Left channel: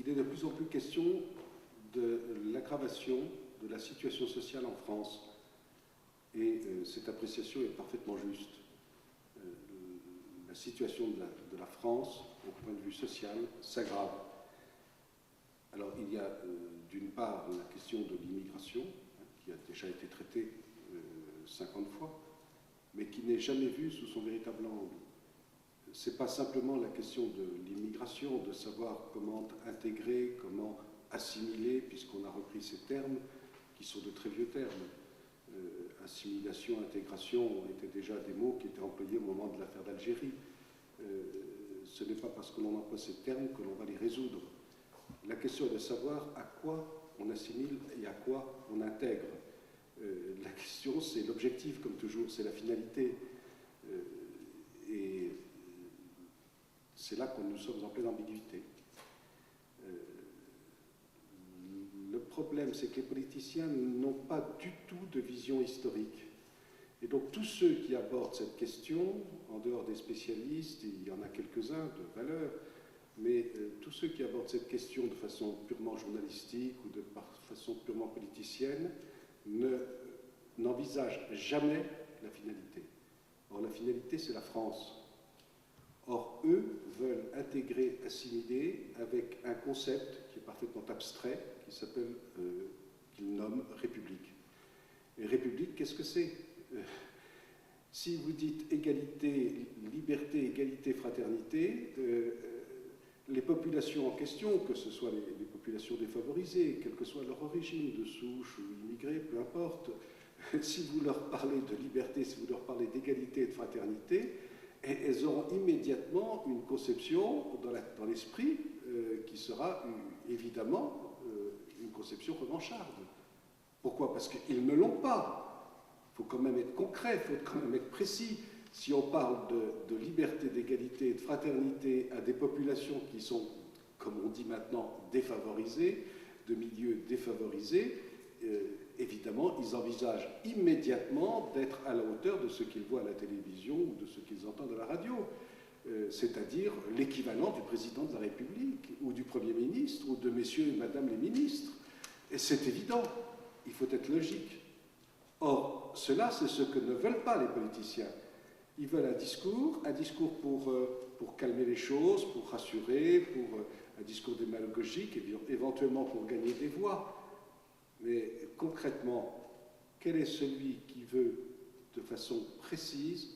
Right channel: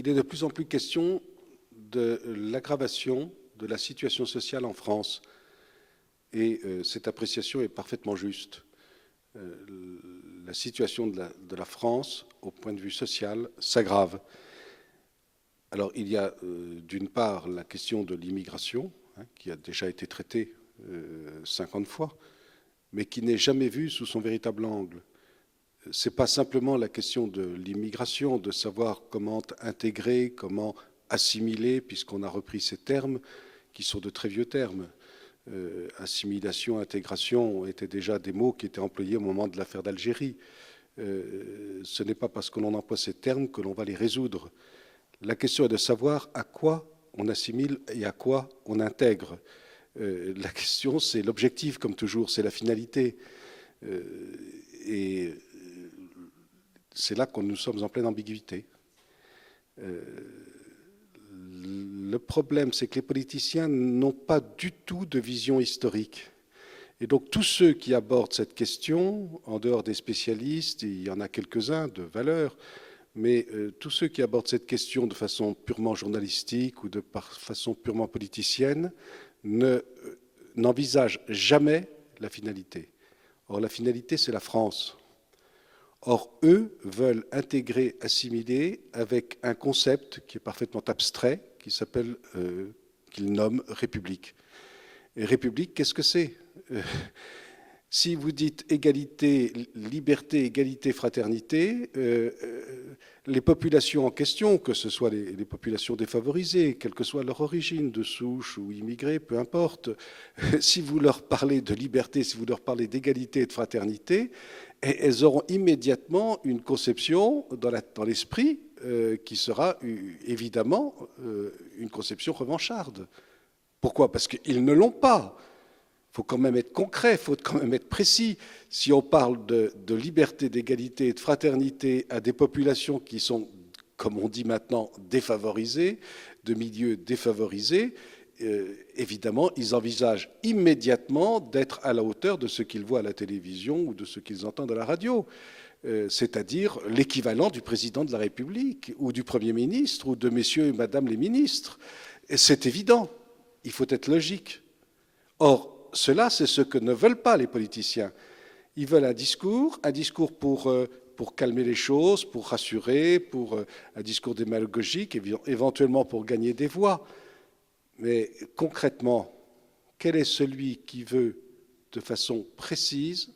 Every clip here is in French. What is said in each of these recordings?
il est de plus en plus question de l'aggravation de la situation sociale en France. Et cette appréciation est parfaitement juste. La situation de la France, au point de vue social, s'aggrave. Alors, il y a d'une part la question de l'immigration, qui a déjà été traitée 50 fois, mais qui n'est jamais vue sous son véritable angle. Ce n'est pas simplement la question de l'immigration, de savoir comment intégrer, comment assimiler, puisqu'on a repris ces termes qui sont de très vieux termes. Assimilation, intégration étaient déjà des mots qui étaient employés au moment de l'affaire d'Algérie. Ce n'est pas parce que l'on emploie ces termes que l'on va les résoudre. La question est de savoir à quoi on assimile et à quoi on intègre. La question, c'est l'objectif, comme toujours, c'est la finalité. Et c'est là que nous sommes en pleine ambiguïté. Le problème, c'est que les politiciens n'ont pas du tout de vision historique. Et donc tous ceux qui abordent cette question, en dehors des spécialistes, il y en a quelques-uns de valeur, mais tous ceux qui abordent cette question de façon purement journalistique ou de façon purement politicienne n'envisagent jamais la finalité. Or, la finalité, c'est la France. Or, eux veulent intégrer, assimiler avec un concept qui est parfaitement abstrait, qu'ils nomment République. Et République, qu'est-ce que c'est ? Si vous dites égalité, liberté, égalité, fraternité, les populations en question, que ce soit les populations défavorisées, quelle que soit leur origine, de souche ou immigrée, peu importe, si vous leur parlez de liberté, si vous leur parlez d'égalité et de fraternité, elles auront immédiatement une conception dans l'esprit qui sera évidemment une conception revancharde. Pourquoi ? Parce qu'ils ne l'ont pas. Il faut quand même être concret, il faut quand même être précis. Si on parle de liberté, d'égalité et de fraternité à des populations qui sont, comme on dit maintenant, défavorisées, de milieux défavorisés, évidemment, ils envisagent immédiatement d'être à la hauteur de ce qu'ils voient à la télévision ou de ce qu'ils entendent à la radio, c'est-à-dire l'équivalent du président de la République ou du Premier ministre ou de messieurs et madame les ministres. Et c'est évident, il faut être logique. Or, cela, c'est ce que ne veulent pas les politiciens. Ils veulent un discours pour calmer les choses, pour rassurer, un discours démagogique, éventuellement pour gagner des voix. Mais concrètement, quel est celui qui veut de façon précise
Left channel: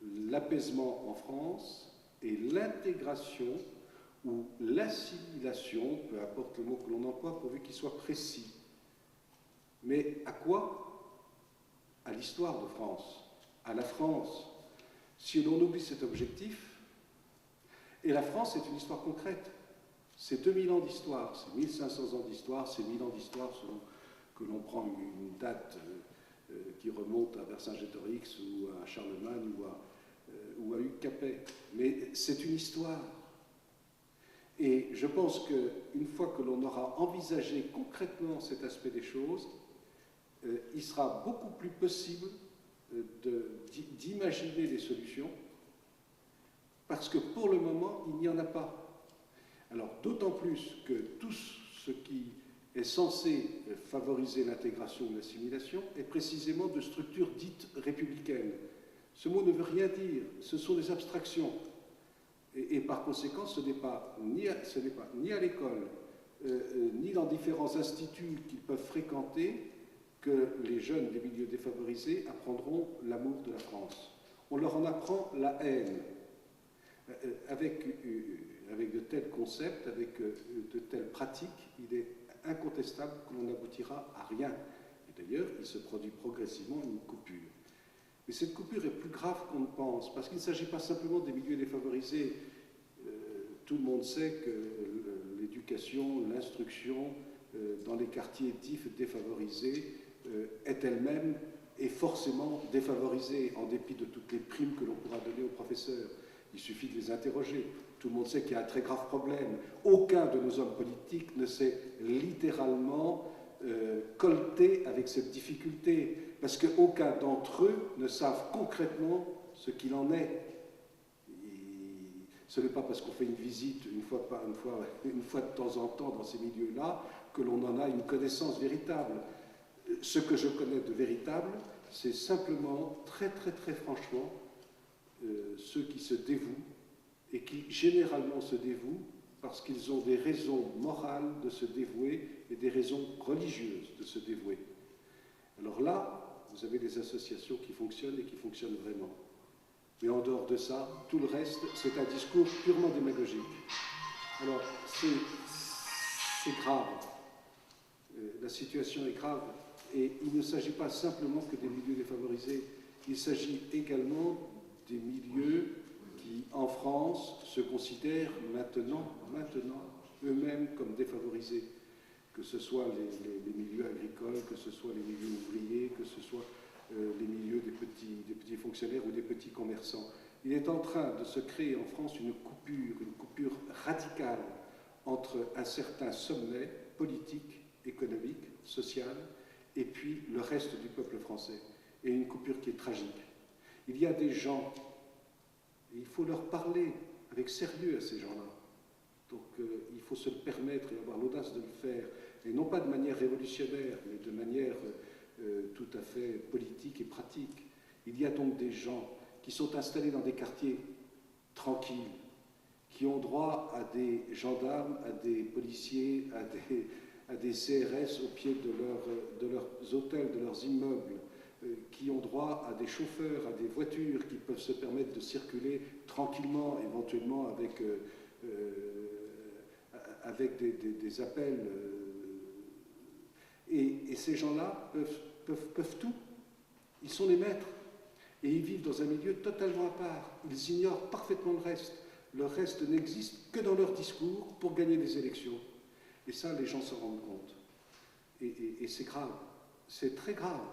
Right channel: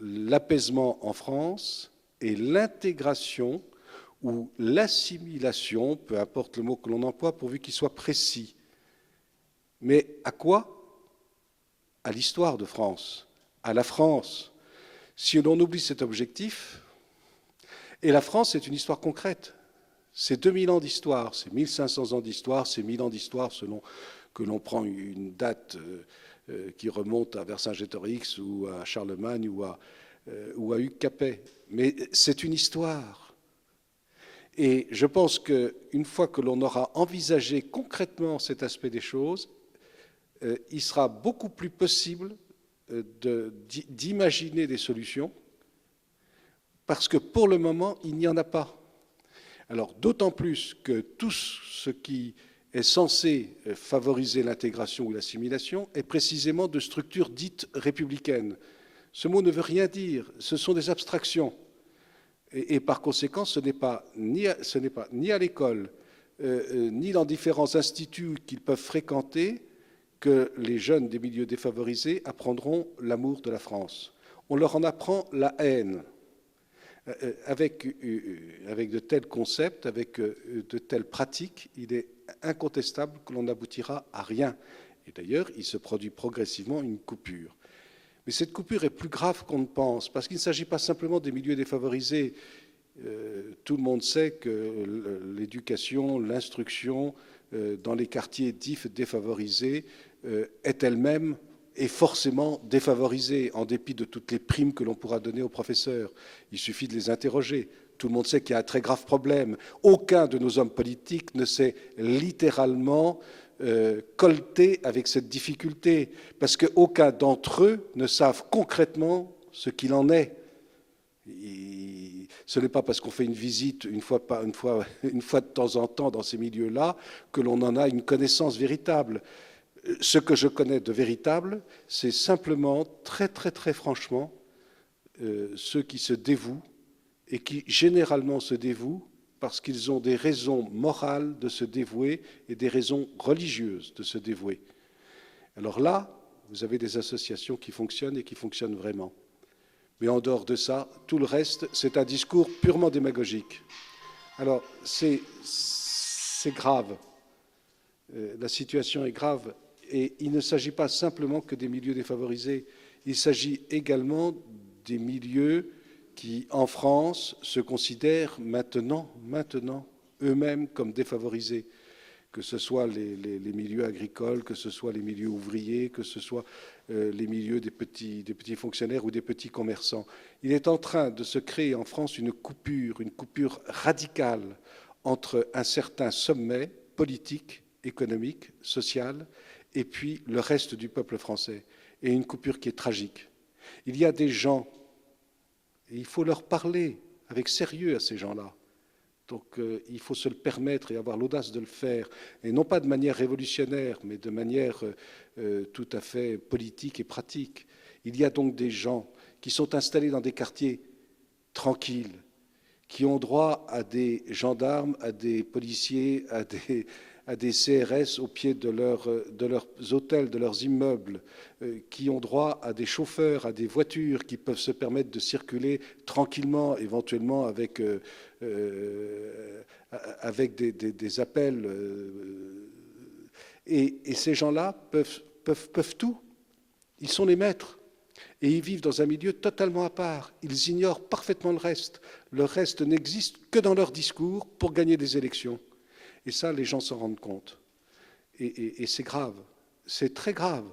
l'apaisement en France et l'intégration ou l'assimilation, peu importe le mot que l'on emploie, pourvu qu'il soit précis. Mais à quoi ? À l'histoire de France, à la France. Si l'on oublie cet objectif, et la France, c'est une histoire concrète. C'est 2000 ans d'histoire, c'est 1500 ans d'histoire, c'est 1000 ans d'histoire selon que l'on prend une date qui remonte à Vercingétorix ou à Charlemagne ou à Hugues Capet. Mais c'est une histoire. Et je pense qu'une fois que l'on aura envisagé concrètement cet aspect des choses, il sera beaucoup plus possible d'imaginer des solutions, parce que pour le moment, il n'y en a pas. Alors, d'autant plus que tout ce qui est censé favoriser l'intégration ou l'assimilation est précisément de structures dites républicaines. Ce mot ne veut rien dire, ce sont des abstractions. Et par conséquent, ce n'est pas ni à l'école, ni dans différents instituts qu'ils peuvent fréquenter que les jeunes des milieux défavorisés apprendront l'amour de la France. On leur en apprend la haine. Avec de tels concepts, avec de telles pratiques, il est incontestable que l'on n'aboutira à rien. Et d'ailleurs, il se produit progressivement une coupure. Mais cette coupure est plus grave qu'on ne pense, parce qu'il ne s'agit pas simplement des milieux défavorisés. Tout le monde sait que l'éducation, l'instruction dans les quartiers dits défavorisés est elle-même et forcément défavorisée, en dépit de toutes les primes que l'on pourra donner aux professeurs. Il suffit de les interroger. Tout le monde sait qu'il y a un très grave problème. Aucun de nos hommes politiques ne s'est littéralement colté avec cette difficulté, parce qu'aucun d'entre eux ne savent concrètement ce qu'il en est. Ce n'est pas parce qu'on fait une visite une fois de temps en temps dans ces milieux-là que l'on en a une connaissance véritable. Ce que je connais de véritable, c'est simplement, très très très franchement, ceux qui se dévouent et qui généralement se dévouent parce qu'ils ont des raisons morales de se dévouer et des raisons religieuses de se dévouer. Alors là, vous avez des associations qui fonctionnent et qui fonctionnent vraiment. Mais en dehors de ça, tout le reste, c'est un discours purement démagogique. Alors, c'est grave. La situation est grave. Et il ne s'agit pas simplement que des milieux défavorisés. Il s'agit également des milieux qui, en France, se considèrent maintenant eux-mêmes comme défavorisés, que ce soit les milieux agricoles, que ce soit les milieux ouvriers, que ce soit les milieux des petits fonctionnaires ou des petits commerçants. Il est en train de se créer en France une coupure radicale entre un certain sommet politique, économique, social, et puis le reste du peuple français, et une coupure qui est tragique. Il y a des gens, et il faut leur parler avec sérieux à ces gens-là. Donc il faut se le permettre et avoir l'audace de le faire, et non pas de manière révolutionnaire, mais de manière tout à fait politique et pratique. Il y a donc des gens qui sont installés dans des quartiers tranquilles, qui ont droit à des gendarmes, à des policiers, à des CRS au pied de leurs hôtels, de leurs immeubles, qui ont droit à des chauffeurs, à des voitures qui peuvent se permettre de circuler tranquillement, éventuellement avec des appels. Et ces gens-là peuvent tout. Ils sont les maîtres. Et ils vivent dans un milieu totalement à part. Ils ignorent parfaitement le reste. Le reste n'existe que dans leur discours pour gagner des élections. Et ça, les gens s'en rendent compte. Et c'est grave. C'est très grave.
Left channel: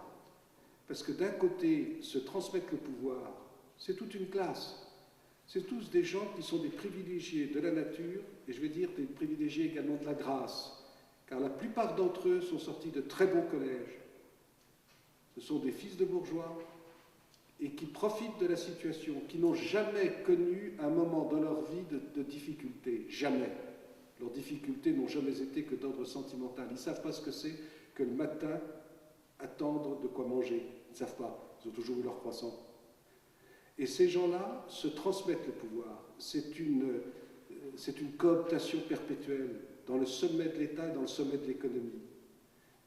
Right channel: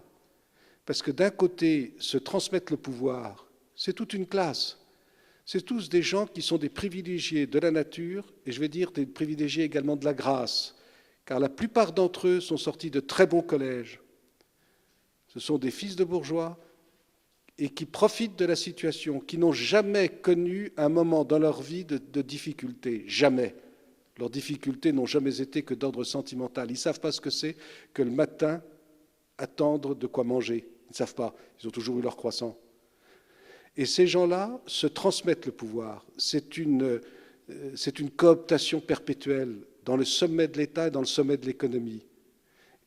Parce que d'un côté, se transmettre le pouvoir, c'est toute une classe. C'est tous des gens qui sont des privilégiés de la nature, et je vais dire des privilégiés également de la grâce, car la plupart d'entre eux sont sortis de très bons collèges. Ce sont des fils de bourgeois et qui profitent de la situation, qui n'ont jamais connu un moment dans leur vie de difficulté, jamais. Leurs difficultés n'ont jamais été que d'ordre sentimental. Ils ne savent pas ce que c'est que le matin attendre de quoi manger. Ils ne savent pas. Ils ont toujours eu leur croissant. Et ces gens-là se transmettent le pouvoir. C'est une cooptation perpétuelle dans le sommet de l'État et dans le sommet de l'économie.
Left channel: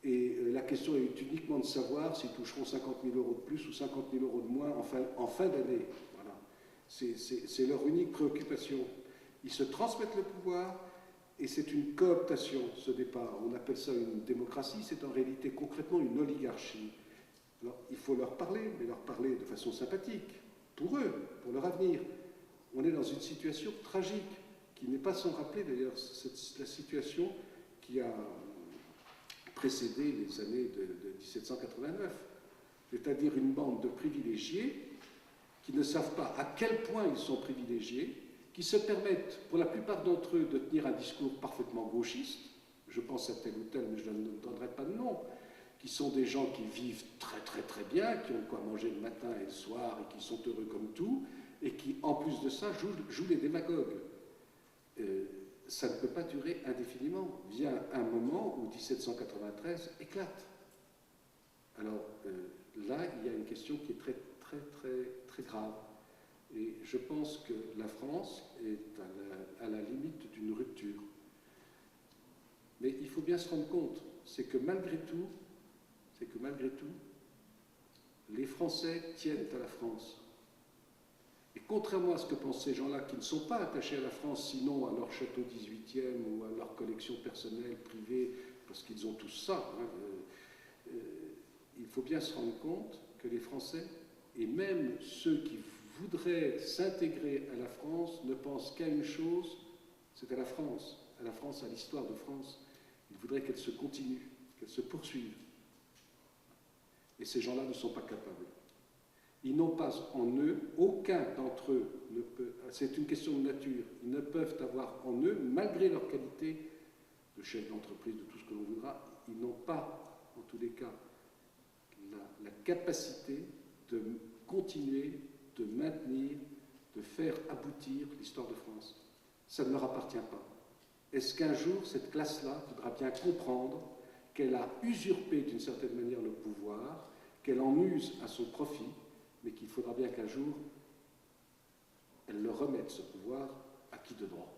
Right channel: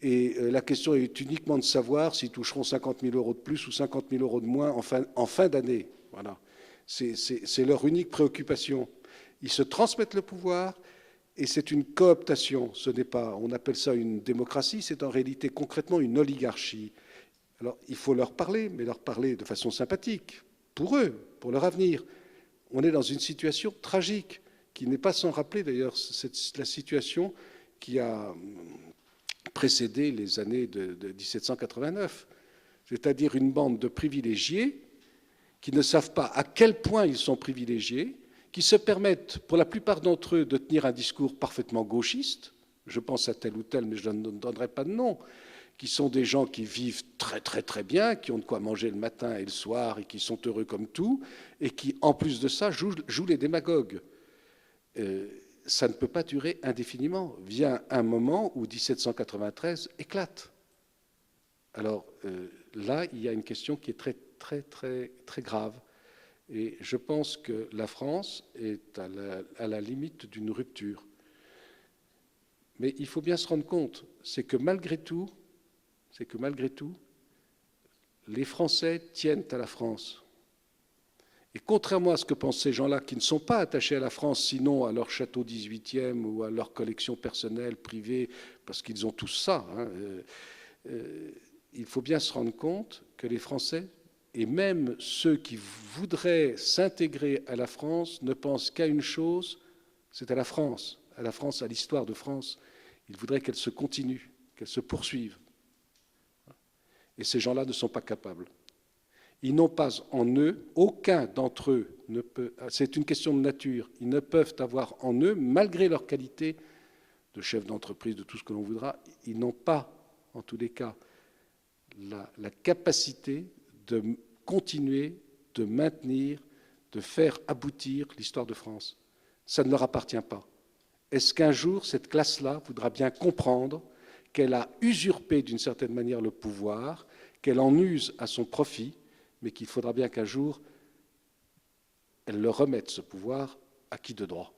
Et la question est uniquement de savoir s'ils toucheront 50 000 € de plus ou 50 000 € de moins en fin d'année. Voilà. C'est leur unique préoccupation. Ils se transmettent le pouvoir et c'est une cooptation. Ce n'est pas, on appelle ça une démocratie, c'est en réalité concrètement une oligarchie. Alors il faut leur parler, mais leur parler de façon sympathique, pour eux, pour leur avenir. On est dans une situation tragique, qui n'est pas sans rappeler d'ailleurs la situation qui a précédé les années de 1789, c'est-à-dire une bande de privilégiés qui ne savent pas à quel point ils sont privilégiés, qui se permettent, pour la plupart d'entre eux, de tenir un discours parfaitement gauchiste, je pense à tel ou tel, mais je ne donnerai pas de nom, qui sont des gens qui vivent très très très bien, qui ont de quoi manger le matin et le soir, et qui sont heureux comme tout, et qui, en plus de ça, jouent les démagogues. Ça ne peut pas durer indéfiniment. Vient un moment où 1793 éclate. Alors là, il y a une question qui est très très très très grave. Et je pense que la France est à la limite d'une rupture. Mais il faut bien se rendre compte, c'est que malgré tout, les Français tiennent à la France. Et contrairement à ce que pensent ces gens-là, qui ne sont pas attachés à la France, sinon à leur château 18e ou à leur collection personnelle, privée, parce qu'ils ont tous ça, il faut bien se rendre compte que les Français, et même ceux qui voudraient s'intégrer à la France, ne pensent qu'à une chose, c'est à la France, à l'histoire de France. Ils voudraient qu'elle se continue, qu'elle se poursuive. Et ces gens-là ne sont pas capables. Ils n'ont pas en eux, aucun d'entre eux ne peut, c'est une question de nature, ils ne peuvent avoir en eux, malgré leur qualité de chef d'entreprise, de tout ce que l'on voudra, ils n'ont pas, en tous les cas, la capacité de continuer, de maintenir, de faire aboutir l'histoire de France. Ça ne leur appartient pas. Est-ce qu'un jour, cette classe-là voudra bien comprendre qu'elle a usurpé d'une certaine manière le pouvoir, qu'elle en use à son profit, mais qu'il faudra bien qu'un jour, elle le remette, ce pouvoir, à qui de droit ?